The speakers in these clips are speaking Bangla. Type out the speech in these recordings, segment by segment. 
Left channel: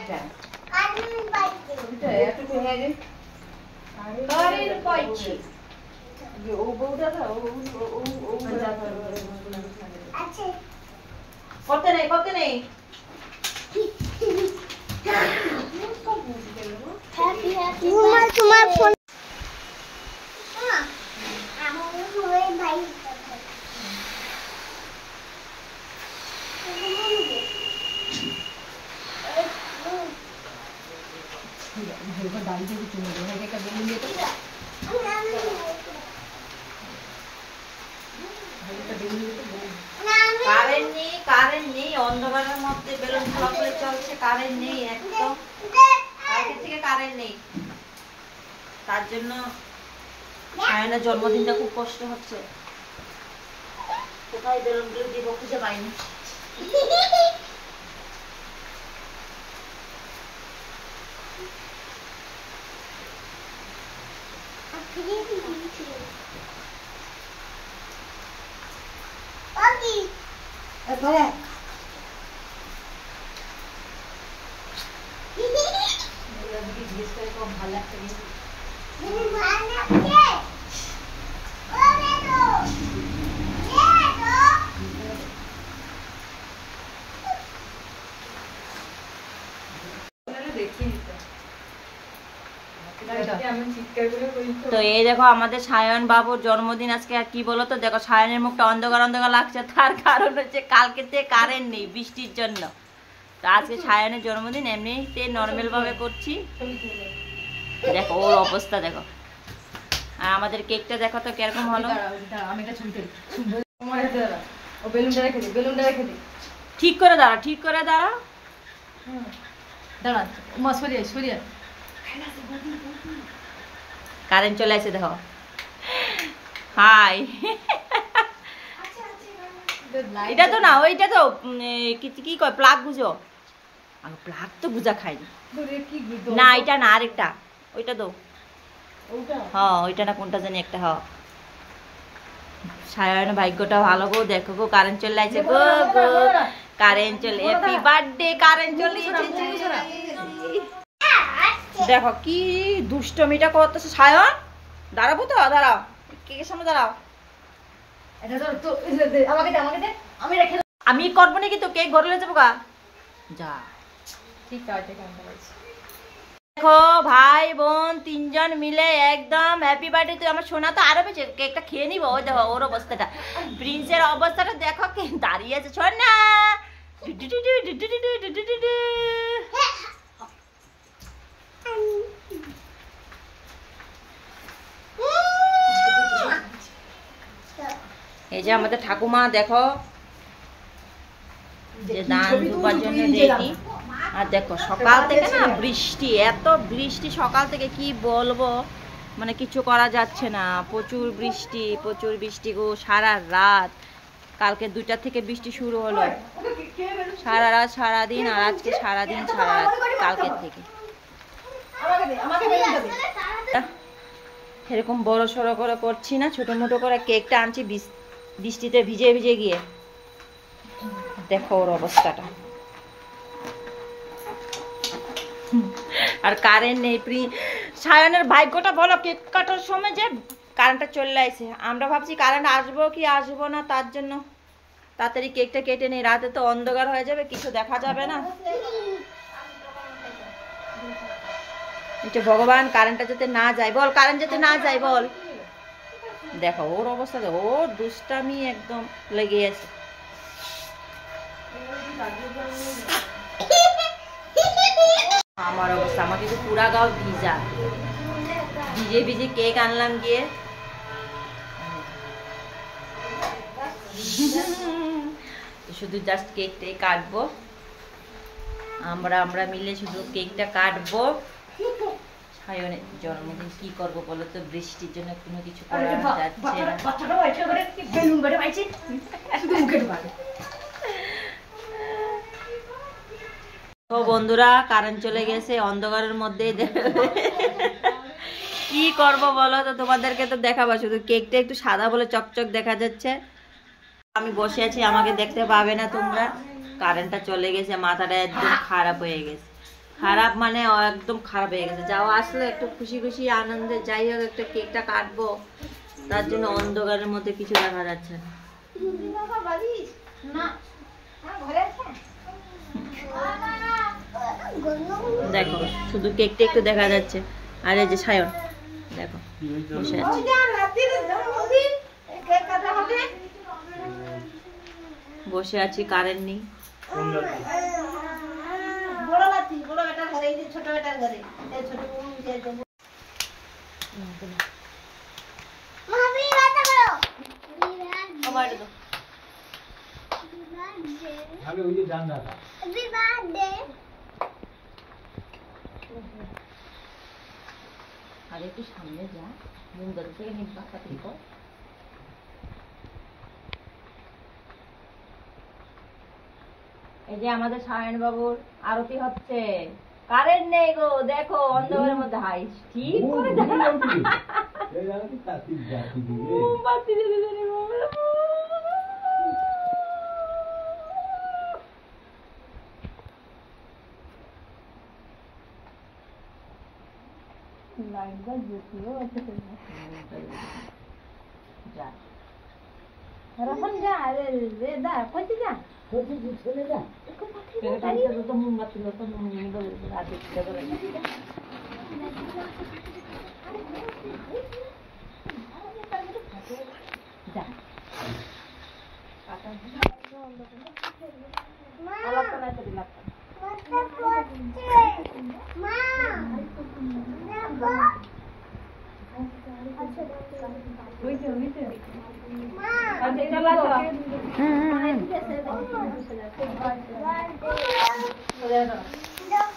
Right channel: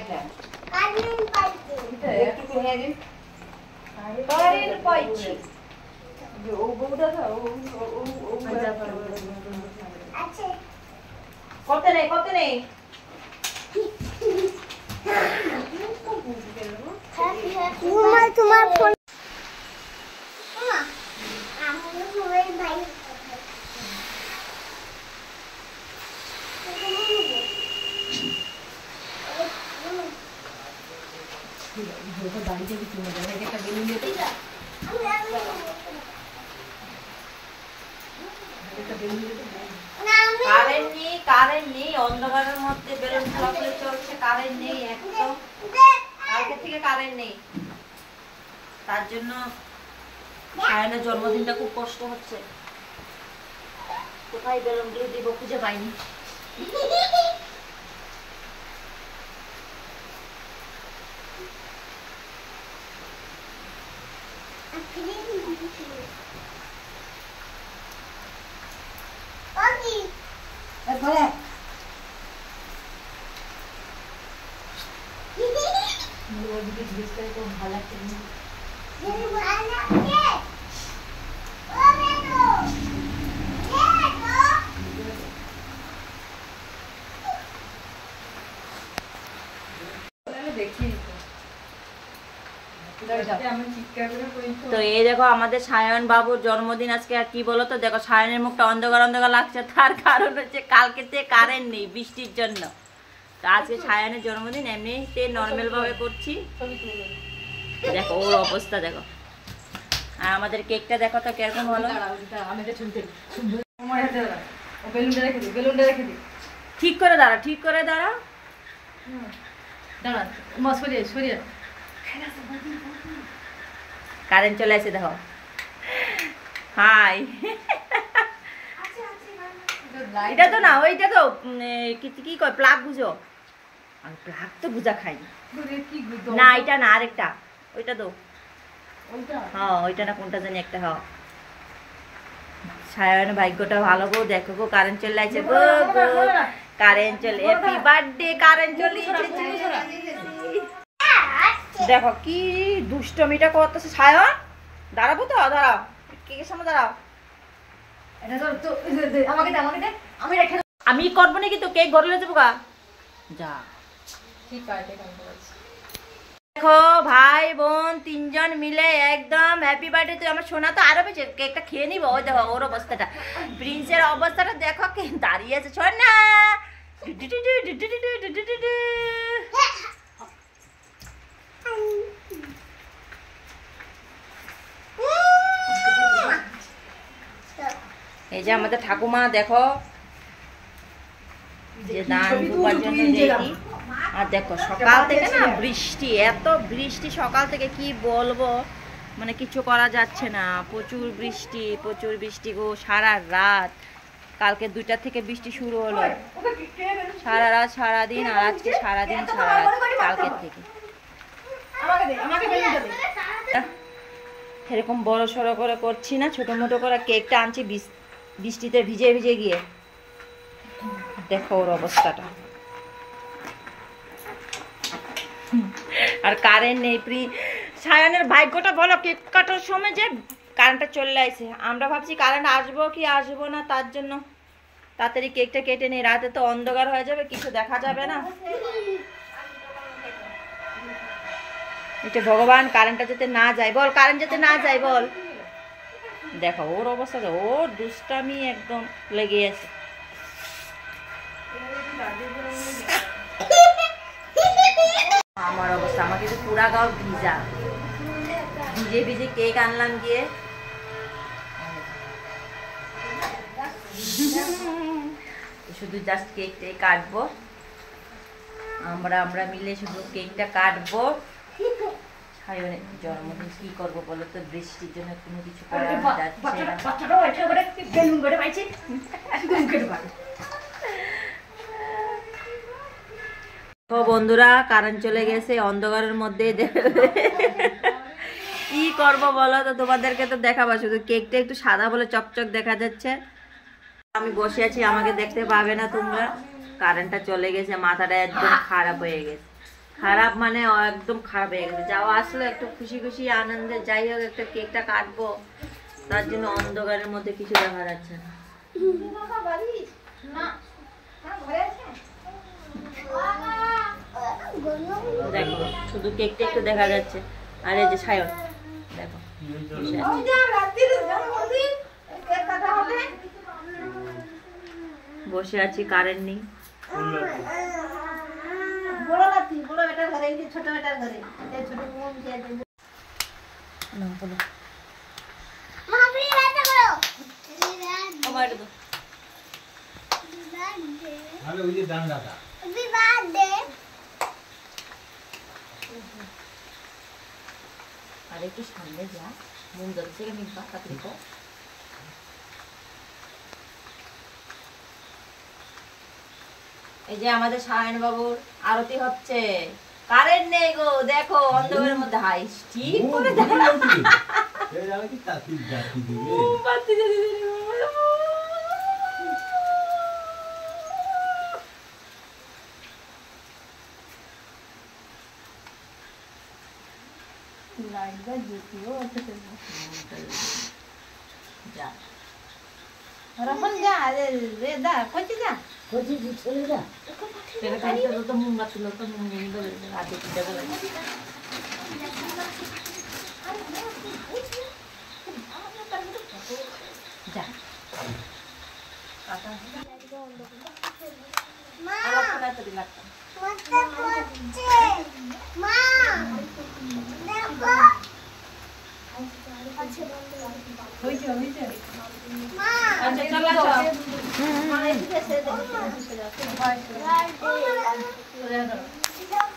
এটা এতটুকু হ্যাঁ রে কারের পাইছি যে ও বউটা না ও আচ্ছা কত নেই তোমার ফোন কারেন্ট নেই অন্ধকারের মধ্যে বেলুন ফলাফলে চলছে কারেন্ট নেই একদম কালকে থেকে কারেন্ট নেই তার জন্য সায়নের জন্মদিনটা খুব কষ্ট হচ্ছে কোথায় বেলুনগুলো দিব খুঁজে পাইনি ভালো লাগছে তো এই দেখো আমাদের সায়ন বাবুর জন্মদিন আজকে আর কি বলো তো দেখো সায়নের মুখটা অন্ধকার অন্ধকার লাগছে তার কারণ হচ্ছে কালকে থেকে কারেন্ট নেই বৃষ্টির জন্য তো আজকে সায়নের জন্মদিন এমনিতে নর্মাল ভাবে করছি দেখো ওর অবস্থা দেখো আর আমাদের কেকটা দেখো তো কিরকম হলো ঠিক করে দাঁড়া কারেন্ট চলে আসে দেখো হাই এটা তো না ওইটা তো কি কয় প্লাগ বুঝো আর প্লাগ তো বুঝা খাই না এটা না আরেকটা ওইটা তো হ্যাঁ ওইটা না কোনটা জানি একটা হ্যাঁ সায়নের ভাগ্যটা ভালো গো দেখো গো কারেন্ট চলে আসে গো গো কারেন্ট চলে হ্যাপি বার্থডে কারেন্ট চলে এসেছে দেখো কি দুষ্টমিটা করতেছে সায়ন দাঁড়াবো তো দাঁড়াও কেকের সামনে দাঁড়াও আমি করবো নাকি তো কেক ঘরে যাবো গা যা ঠিক আছে দেখো ভাই বোন তিনজন মিলে একদম হ্যাপি বার্থডে তুই আমার সোনা তো আরো বেশি কেকটা খেয়ে নিবো ওই দেখো ওর অবস্থাটা প্রিন্সের অবস্থাটা দেখো কে দাঁড়িয়ে আছে সোনা এই যে আমাদের ঠাকুমা দেখো যে দান দুবার জন্য রেডি আর দেখো সকাল থেকে না বৃষ্টি এত বৃষ্টি সকাল থেকে কি বলবো মানে কিছু করা যাচ্ছে না প্রচুর বৃষ্টি গো সারা রাত কালকে 2টা থেকে বৃষ্টি শুরু হলো সারা রাত সারাদিন আর আজকে সারাদিন সারা রাত কালকের থেকে এরকম বড় সড়ো করে করছি না ছোট মোটো করে কেকটা আনছি বৃষ্টিতে ভিজে ভিজে গিয়ে দেখো ওর অবস্থাটা আর কারেন্ট নেই সায়নের ভাগ্যটা বলো কেক কাটার সময় যে কারেন্টটা চলে আসে আমরা ভাবছি কারেন্ট আসবো কি আসবো না তার জন্য তাড়াতাড়ি কেকটা কেটে নেই রাতে তো অন্ধকার হয়ে যাবে কিছু দেখা যাবে না এটা ভগবান কারেন্টটা যাতে না যায় বল কারেন্ট যাতে না যায় বল দেখো ওর অবস্থা ওর দুষ্টামি একদম লেগে আছে আমার অবস্থা আমাকে তো পুরা গাও ভিজে ভিজে কেক আনলাম গিয়ে শুধু জাস্ট কেকটাই কাটবো আমরা মিলে শুধু কেকটা কাটবো সায়নের জন্মদিন কি করবো বলো তো বৃষ্টির জন্য কোনো কিছু করা যাচ্ছে না তো বন্ধুরা কারেন্ট চলে গেছে অন্ধকারের মধ্যে কি করব বলো তো তোমাদেরকে তো দেখাবো শুধু কেকটা একটু সাদা বলে চকচক দেখা যাচ্ছে আমি বসে আছি আমাকে দেখতে পাবে না তোমরা কারেন্টটা চলে গেছে মাথাটা একদম খারাপ হয়ে গেছে খারাপ মানে একদম খারাপ হয়ে গেছে। যাওয়া আসলে একটু খুশি খুশি আনন্দে যাই হোক একটা কেকটা কাটবো, তার জন্য অন্ধকারের মধ্যে কিছু দেখা যাচ্ছে না। দেখো শুধু কেকটা একটু দেখা যাচ্ছে। আর এই যে সায়ন দেখো বসে আছে। বসে আছি, কারেন্ট নেই। আর একটু সামনে যা, মুখ ধরছে নিবা কাটলিব। এই যে আমাদের সায়ন বাবুর আরতি হচ্ছে, কারেন্ট নেই গো, দেখো অন্ধকারের মধ্যে হাই ঠিক করে দেখো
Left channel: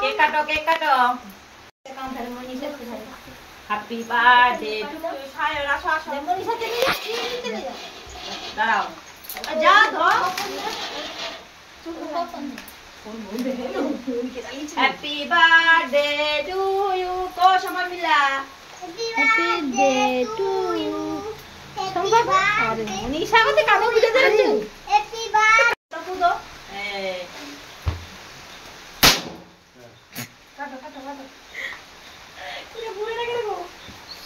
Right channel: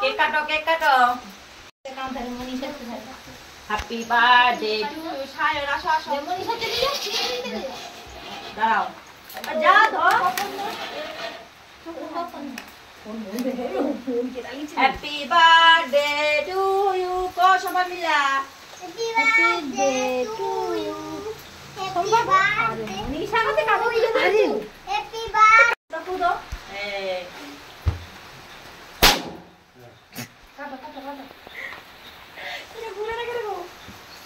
কেক কাটো, কেক কাটো। হ্যাপি বার্থডে টু সায়ন, আসো আসো, দাঁড়াও যা ধর। হ্যাপি বার্থডে টু ইউ, কো সবাই মিলা হ্যাপি বার্থডে টু ইউ। নিশা কত কাটো দিতে যাচ্ছে, হ্যাপি বার্থডে কুদো। কাটো কাটো কাটো, তুমি ঘুরে না গো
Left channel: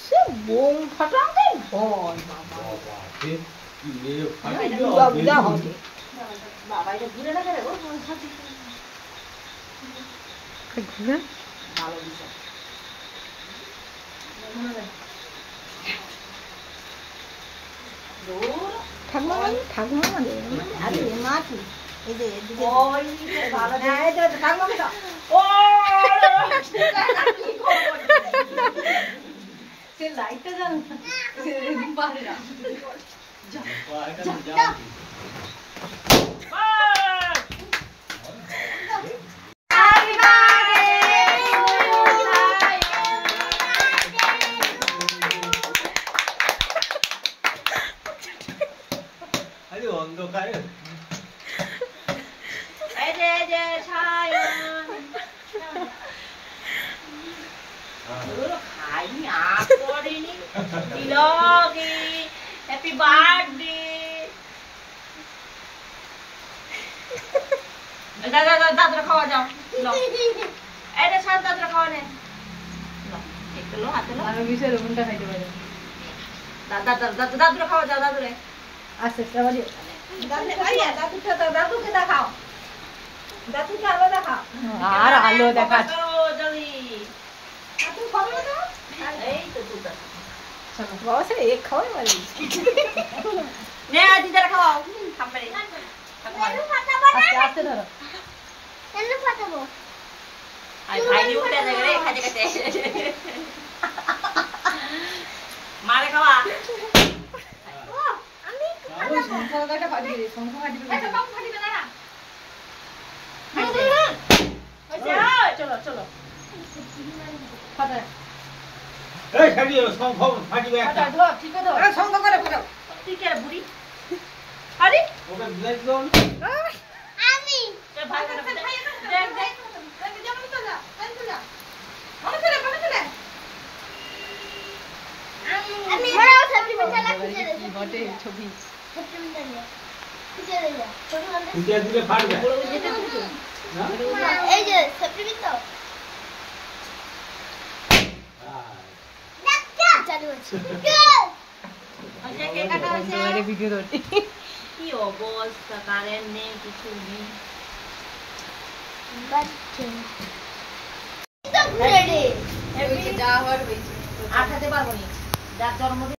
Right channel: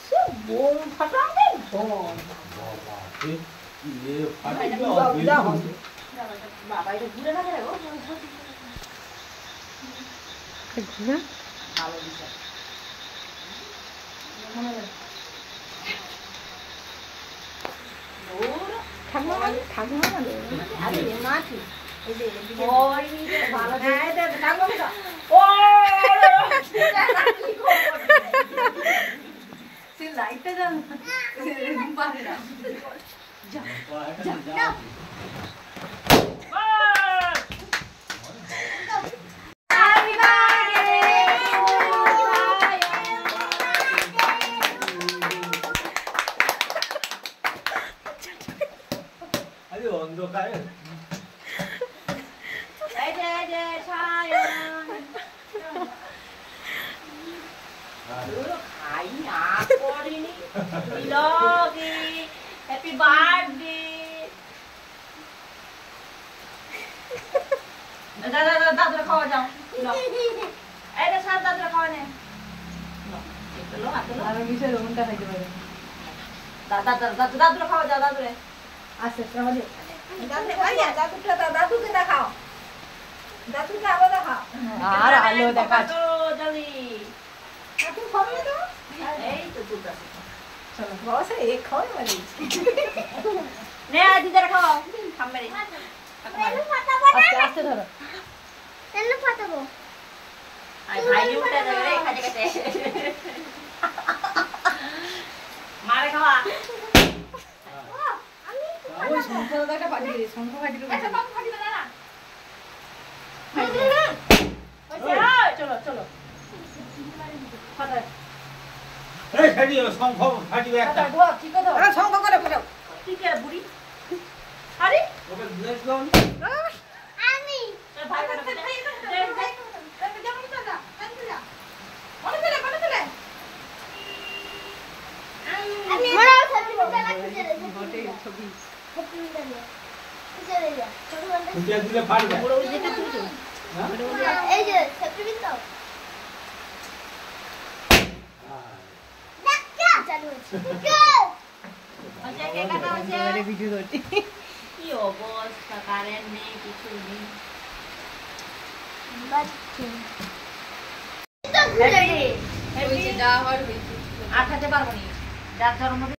সে বোম ফাটাতে বল বাবা কি লে ফাটাতে হবে বাবা, এটা ঘুরে না গো ঘুরে ভালো দিছে মনে হয় দূর ঠাকুর ঠাকুর মানে আরে মাটি এই যে ওই ভালো দেয় এটা ঠাকুর দাও। ও সে লাইটটা দাও পারে না, যা যা হ্যাপি বার্থডে দাদা দাদা খাওয়া যাও, এটা সাত দাদা খাওয়া নে লো হাতে লো আমি বিশের মনটা খাইতে পারে দাদা দাদা দাদা খাওয়া যাও দাদুরে আচ্ছা সবাই দাদু আইয়া দাদুটা দাদুকে দেখাও, দাদুকে আলো দেখাও আর আলো দেখা জলদি দাদু খাবে তো এই তো দুধ চলো বসে এক খাও মানে নে আজি জরা খাও খাবে আস্তে আস্তে ধরো কেন ফাটাবো আই ভাই উঠে দে রে খাতে খাতে মারে খাওয়া আমি সংখ্যাটা ফাটি দিই, সংখ্যা ফাটি দিই, আচ্ছা কম ফাটি না না চলো চলো ফাটা এই ফাটি যাবে সংখ্যা ফাটি যাবে একটা ধর ঠিক আছে আরে সংখ্যা করে ফাটাও কি করে বুড়ি আরে ওটা দিলাস দাও আমি তো ভাই করে দেখ দেখ দেখ যেমন তো না আই তো যা মনে চলে আমি মারাও থাকি মজা লাগছে রে বটে ছবি ছবি নিয়ে খুঁজে রে যা ছোট মানে খুঁজে দিলে ফাটবে বড় যেতে খুঁজো এই যে সেপ্টেম্বর তো কি অবস্থা, কারেন্ট নেই, কিছু নেই। আঠাতে পারবো নি, যার যার মধ্যে